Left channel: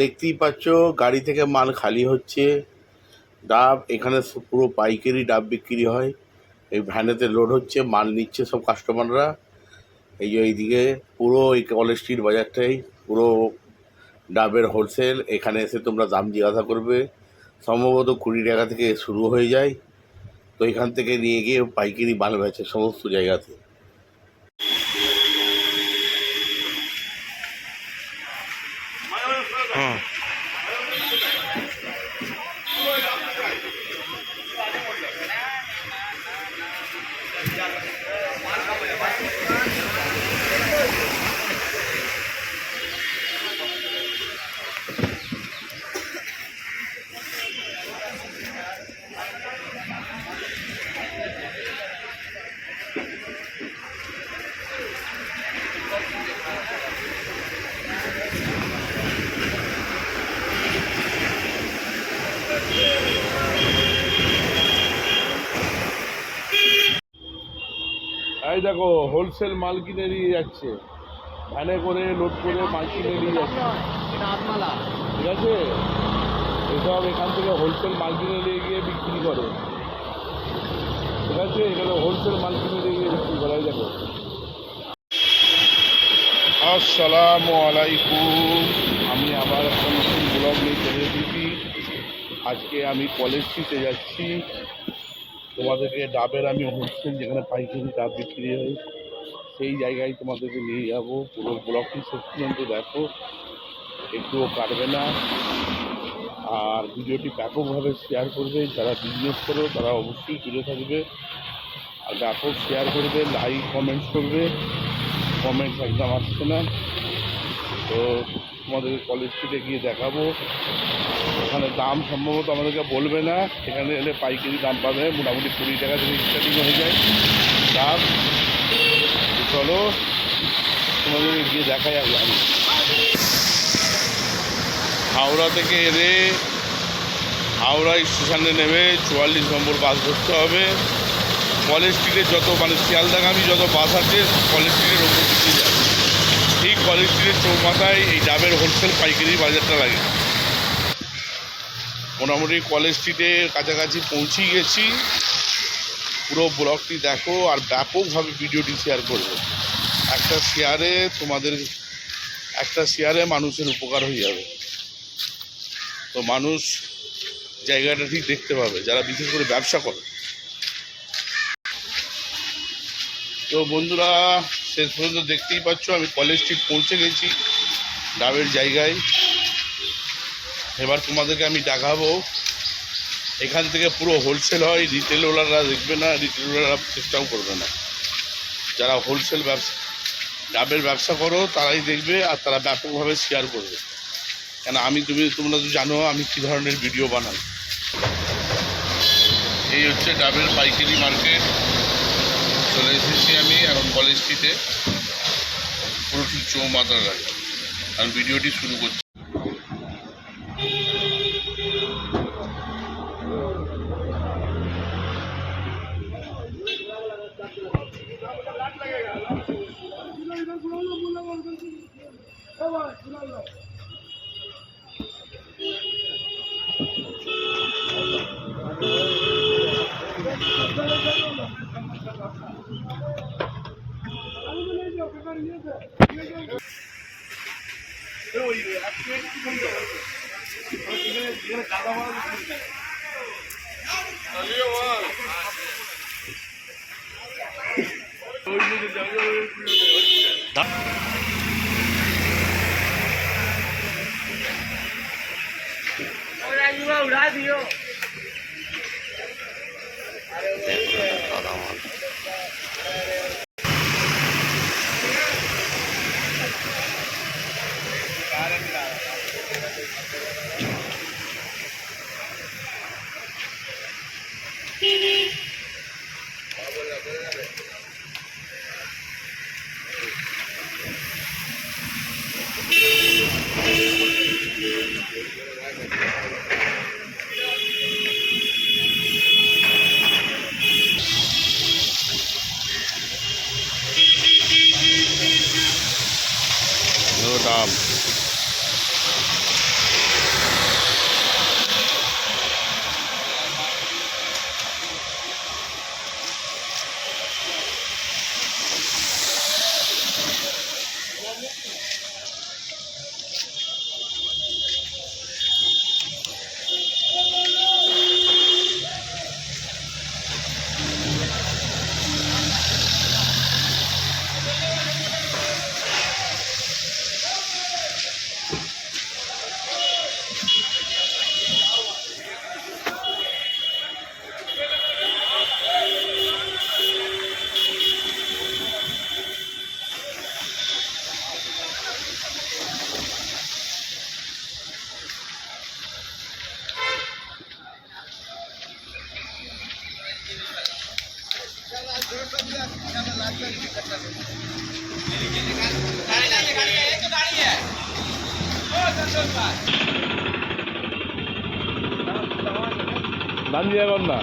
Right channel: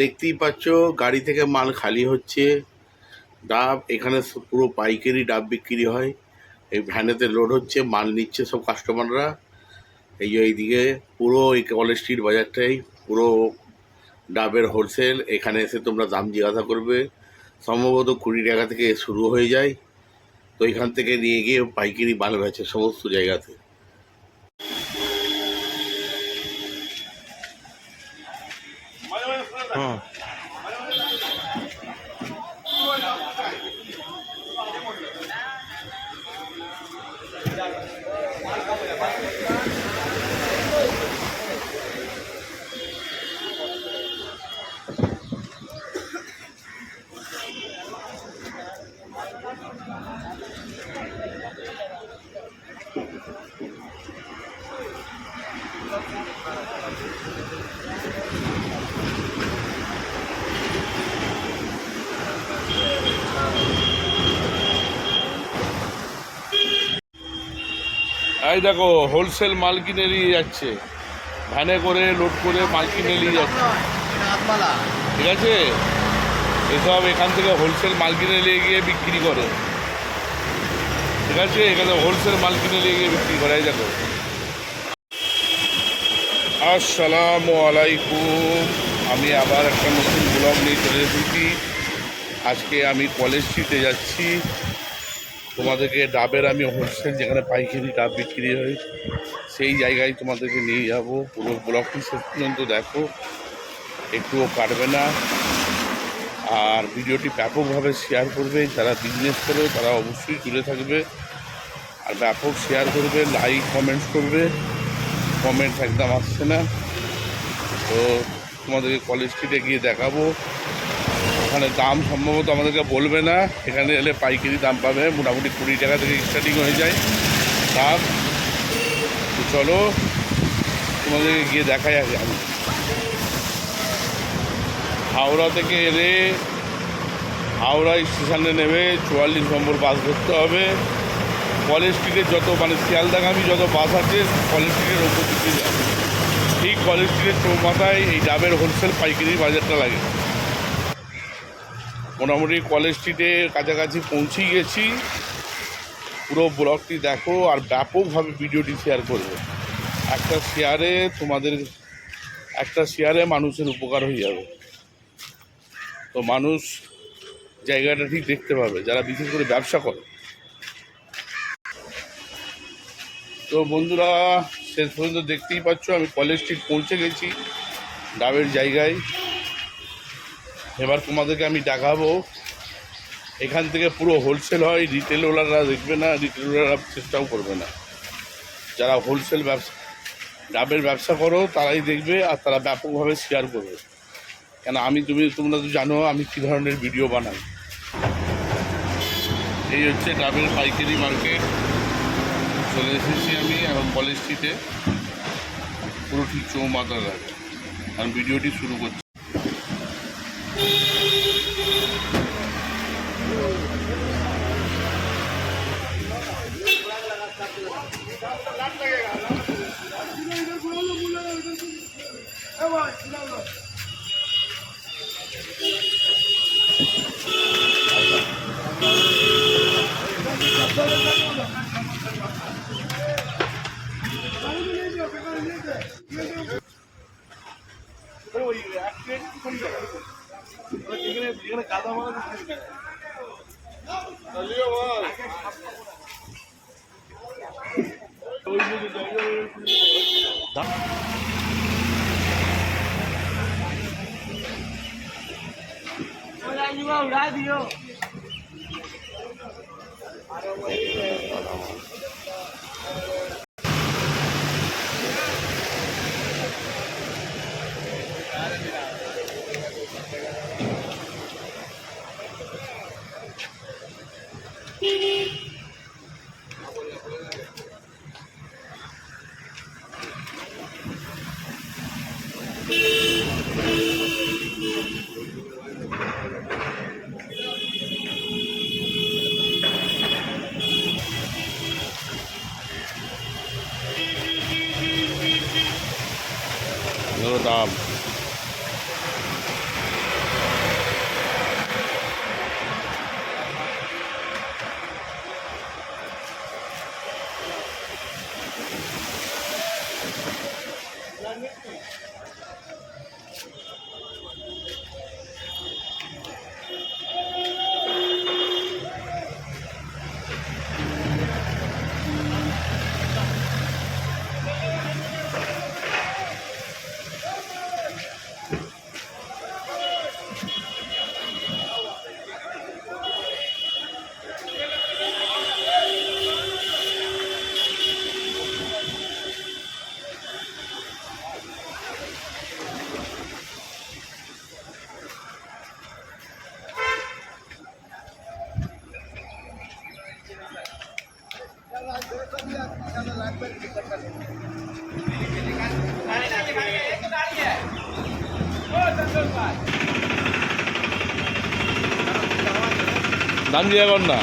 দেখতেই পাচ্ছ গাড়ি থেকে মাল খালি হচ্ছে। ডাব এখানে পুরো পাইকারি ডাব বিক্রি হয়। এই ভ্যানেতে লোড হচ্ছে, মাল নিচ্ছে সব কাস্টমাররা। এই যে এইদিকে পুরো এই কলেজ স্ট্রিট বাজারটাই পুরো ডাবের হোলসেল। এখানে এসে তোমরা দাম জিজ্ঞাসা করবে, সম্ভবত 20 টাকা থেকে শুরু হয়ে যায়। তো এখান থেকে নিয়ে গিয়ে পাইকারি মাল বেচে সমস্ত জায়গাতে। হ্যাঁ, এই দেখো হোলসেল মাল কিনে নিয়ে যাচ্ছে, ভ্যানে করে লোড করে মাল কিনে নিয়ে যাচ্ছে। ঠিক আছে, এসব এখান থেকে হোলসেল মাল কিনে নিয়ে গিয়ে বিক্রি করে। ঠিক আছে, এখানে হোলসেল মাল কিনে নিয়ে গিয়ে বিক্রি করে। এই দেখো। আসসালামু আলাইকুম, আমি আবার একটা নতুন ব্লগ নিয়ে চলে এসেছি। আজকে আমি কলেজ স্ট্রিটে যাচ্ছি। তোমাদেরকে ডাবের আমি হোলসেল, যেখানে পাইকারি ডাব বিক্রি হয়, সেই জায়গায় তোমাদেরকে নিয়ে যাব। পুরো ব্লগটি শেষ পর্যন্ত দেখো, একটুও কাটবে না। আর ভিডিওটি ব্যাপকভাবে শেয়ার করবে। যারা বিজনেস করো তারা অবশ্যই জুড়ে থাকবে, আর ব্যাপক শেয়ার করবে, লাইক কমেন্টস করবে। কমেন্টস একদম আসছে না। তো তোমাদেরকে কলেজ স্ট্রিটে গিয়ে দেখাবো। ওখানে দাম সম্ভবত আমাদেরকে বলবে না, এখানে এলে পাইকারি দাম পাবে। মোটামুটি 20 টাকা থেকে স্টার্টিং হয়ে যায় দাম। তো চলো তোমাদেরকে গিয়ে দেখাই আগে। আমি হাওড়া থেকে এলে হাওড়া স্টেশনে নেমে 44 নম্বর বাস ধরতে হবে। কলেজ স্ট্রিটের যত শিয়ালদাগামী যত বাস আছে কলেজ স্ট্রিটের ওপর দিকে যায়। ঠিক কলেজ স্ট্রিটের চৌমাথায় এই ডাবের হোলসেল পাইকারি বাজারটা লাগে। মোটামুটি কলেজ স্ট্রিটের কাছাকাছি পৌঁছেই গেছি। পুরো ব্লগটি দেখো আর ব্যাপকভাবে ভিডিওটি শেয়ার করবে। একটা শেয়ারে মানুষের উপকার হয়ে যাবে। তো মানুষ জায়গাটা ঠিক দেখতে পাবে, যারা বিশেষ করে ব্যবসা করে। তো বন্ধুরা, শেষ পর্যন্ত দেখতেই পাচ্ছ আমি কলেজ স্ট্রিট পৌঁছে গেছি, ডাবের জায়গায়। এবার তোমাদেরকে আমি দেখাবো। এখান থেকে পুরো হোলসেল হয়, রিটেলওয়ালারা দেখবে না, রিটেলওয়ালারা চেষ্টাও করবে না। যারা হোলসেল ডাবের ব্যবসা করো তারাই দেখবে, আর তারা ব্যাপকভাবে শেয়ার করবে। কেন তোমরা তো জানো আমি কী ধরনের ভিডিও বানাই। এই হচ্ছে ডাবের পাইকারি মার্কেট। চলে এসেছি আমি এখন কলেজ স্ট্রিটে, পুরো ঠিক চৌমাথার আগে। কারণ ভিডিওটি শুরু করছি। उड़ा दियो দাম। দাম দিয়ে কর না,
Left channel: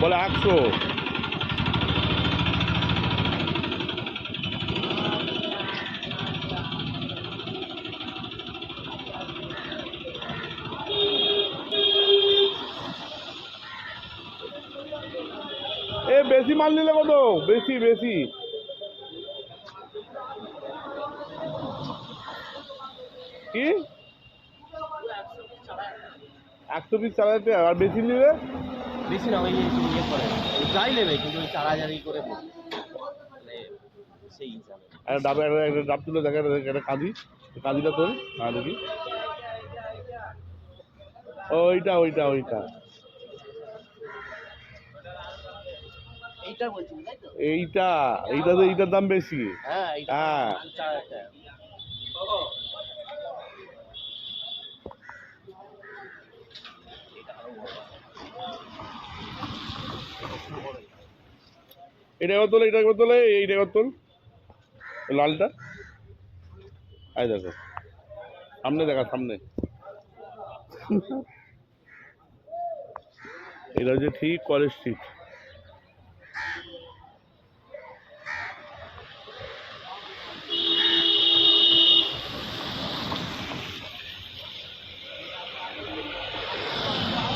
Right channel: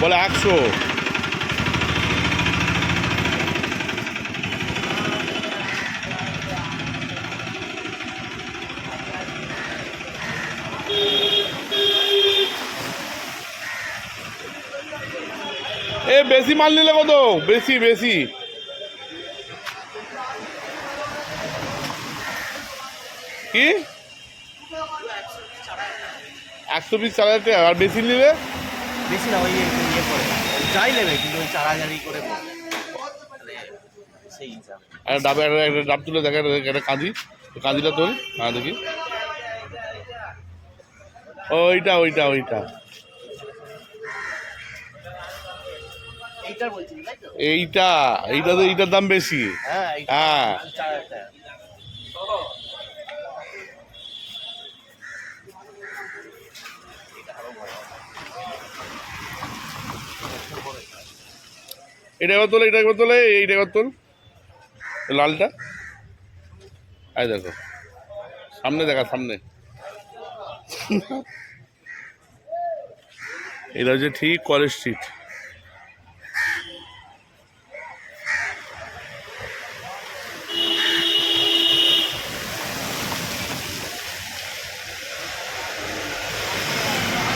বলে 100। এ বেশি মাল নিলে কত? বেশি বেশি কি 100 পিস 4,000 টাকা, আর বেশি নিলে বেশি না ভাই, ইয়ে করে যাই নেবে কিন্তু 4,000ই করে বলবে, তাহলে সেই হিসাবে। আর ডাবে একটা ডাব তুলে দেখা একটা কাঁদি, কাঁদিটা তোল, হ্যাঁ দেখি। ওইটা ওইটা ওইটা এইটার বলছি তাই তো? এইটা এইটা তো এইটার দাম বেশি। হ্যাঁ হ্যাঁ 4,000 টাকা। এটা একবার তোলে, এটা একবার তোলে, এইটা একবার তোল, লালটা। এই দেখো সামনে, দেখা সামনে। এটা হচ্ছে ঠিক কলেজ স্ট্রিট।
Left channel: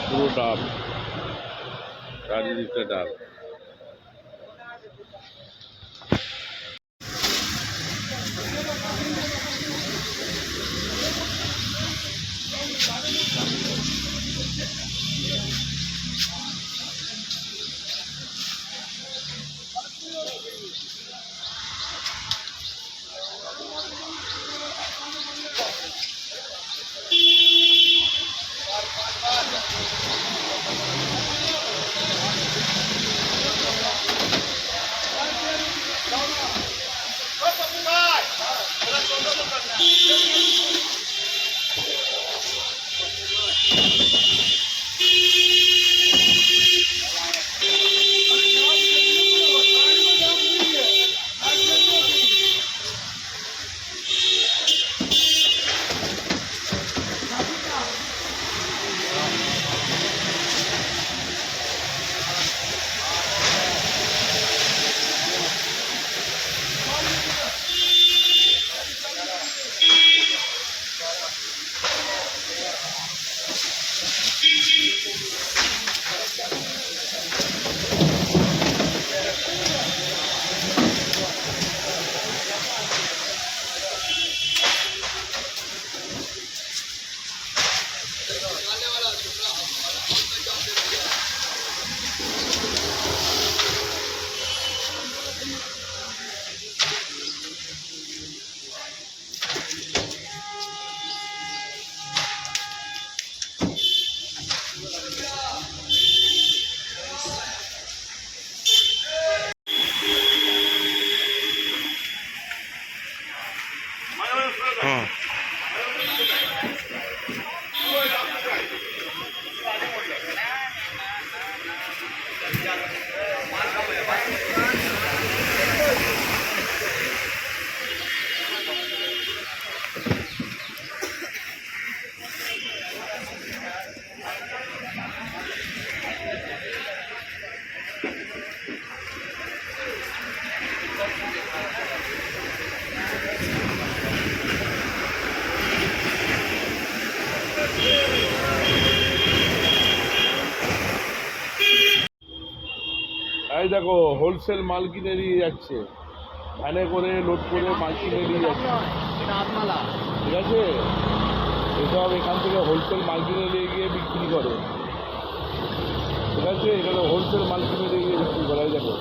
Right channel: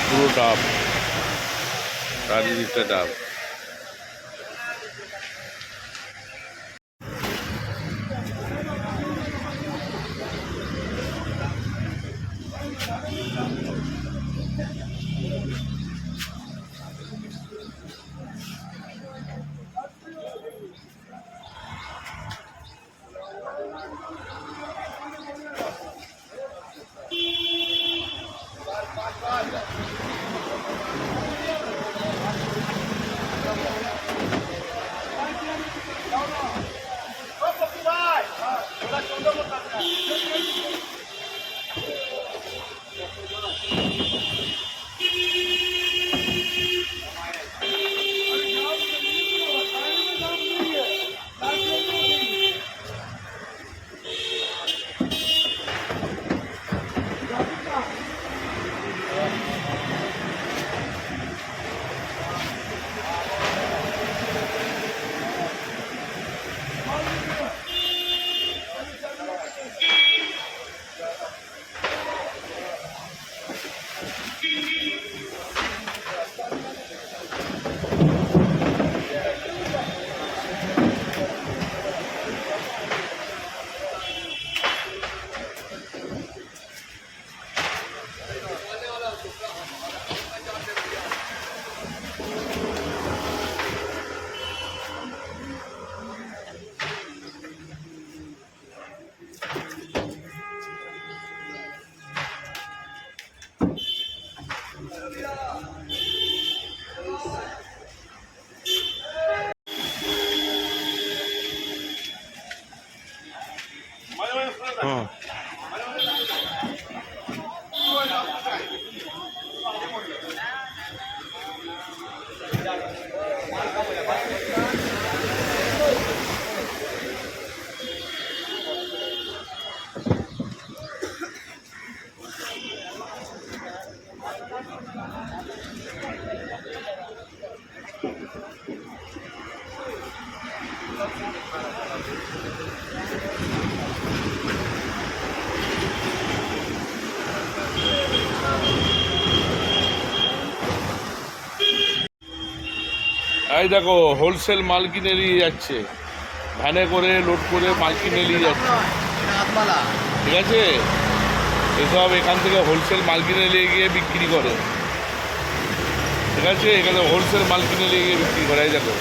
পুরো ডাব, চারিদিকটা ডাব। হ্যাঁ এই দেখো হোলসেল মাল কিনে নিয়ে যাচ্ছে, ভ্যানে করে লোড করে মাল কিনে নিয়ে যাচ্ছে, ঠিক আছে। এসব এখান থেকে হোলসেল মাল কিনে নিয়ে গিয়ে বিক্রি করে, ঠিক আছে। এখানে হোলসেল মাল কিনে নিয়ে গিয়ে বিক্রি করে, এই দেখো।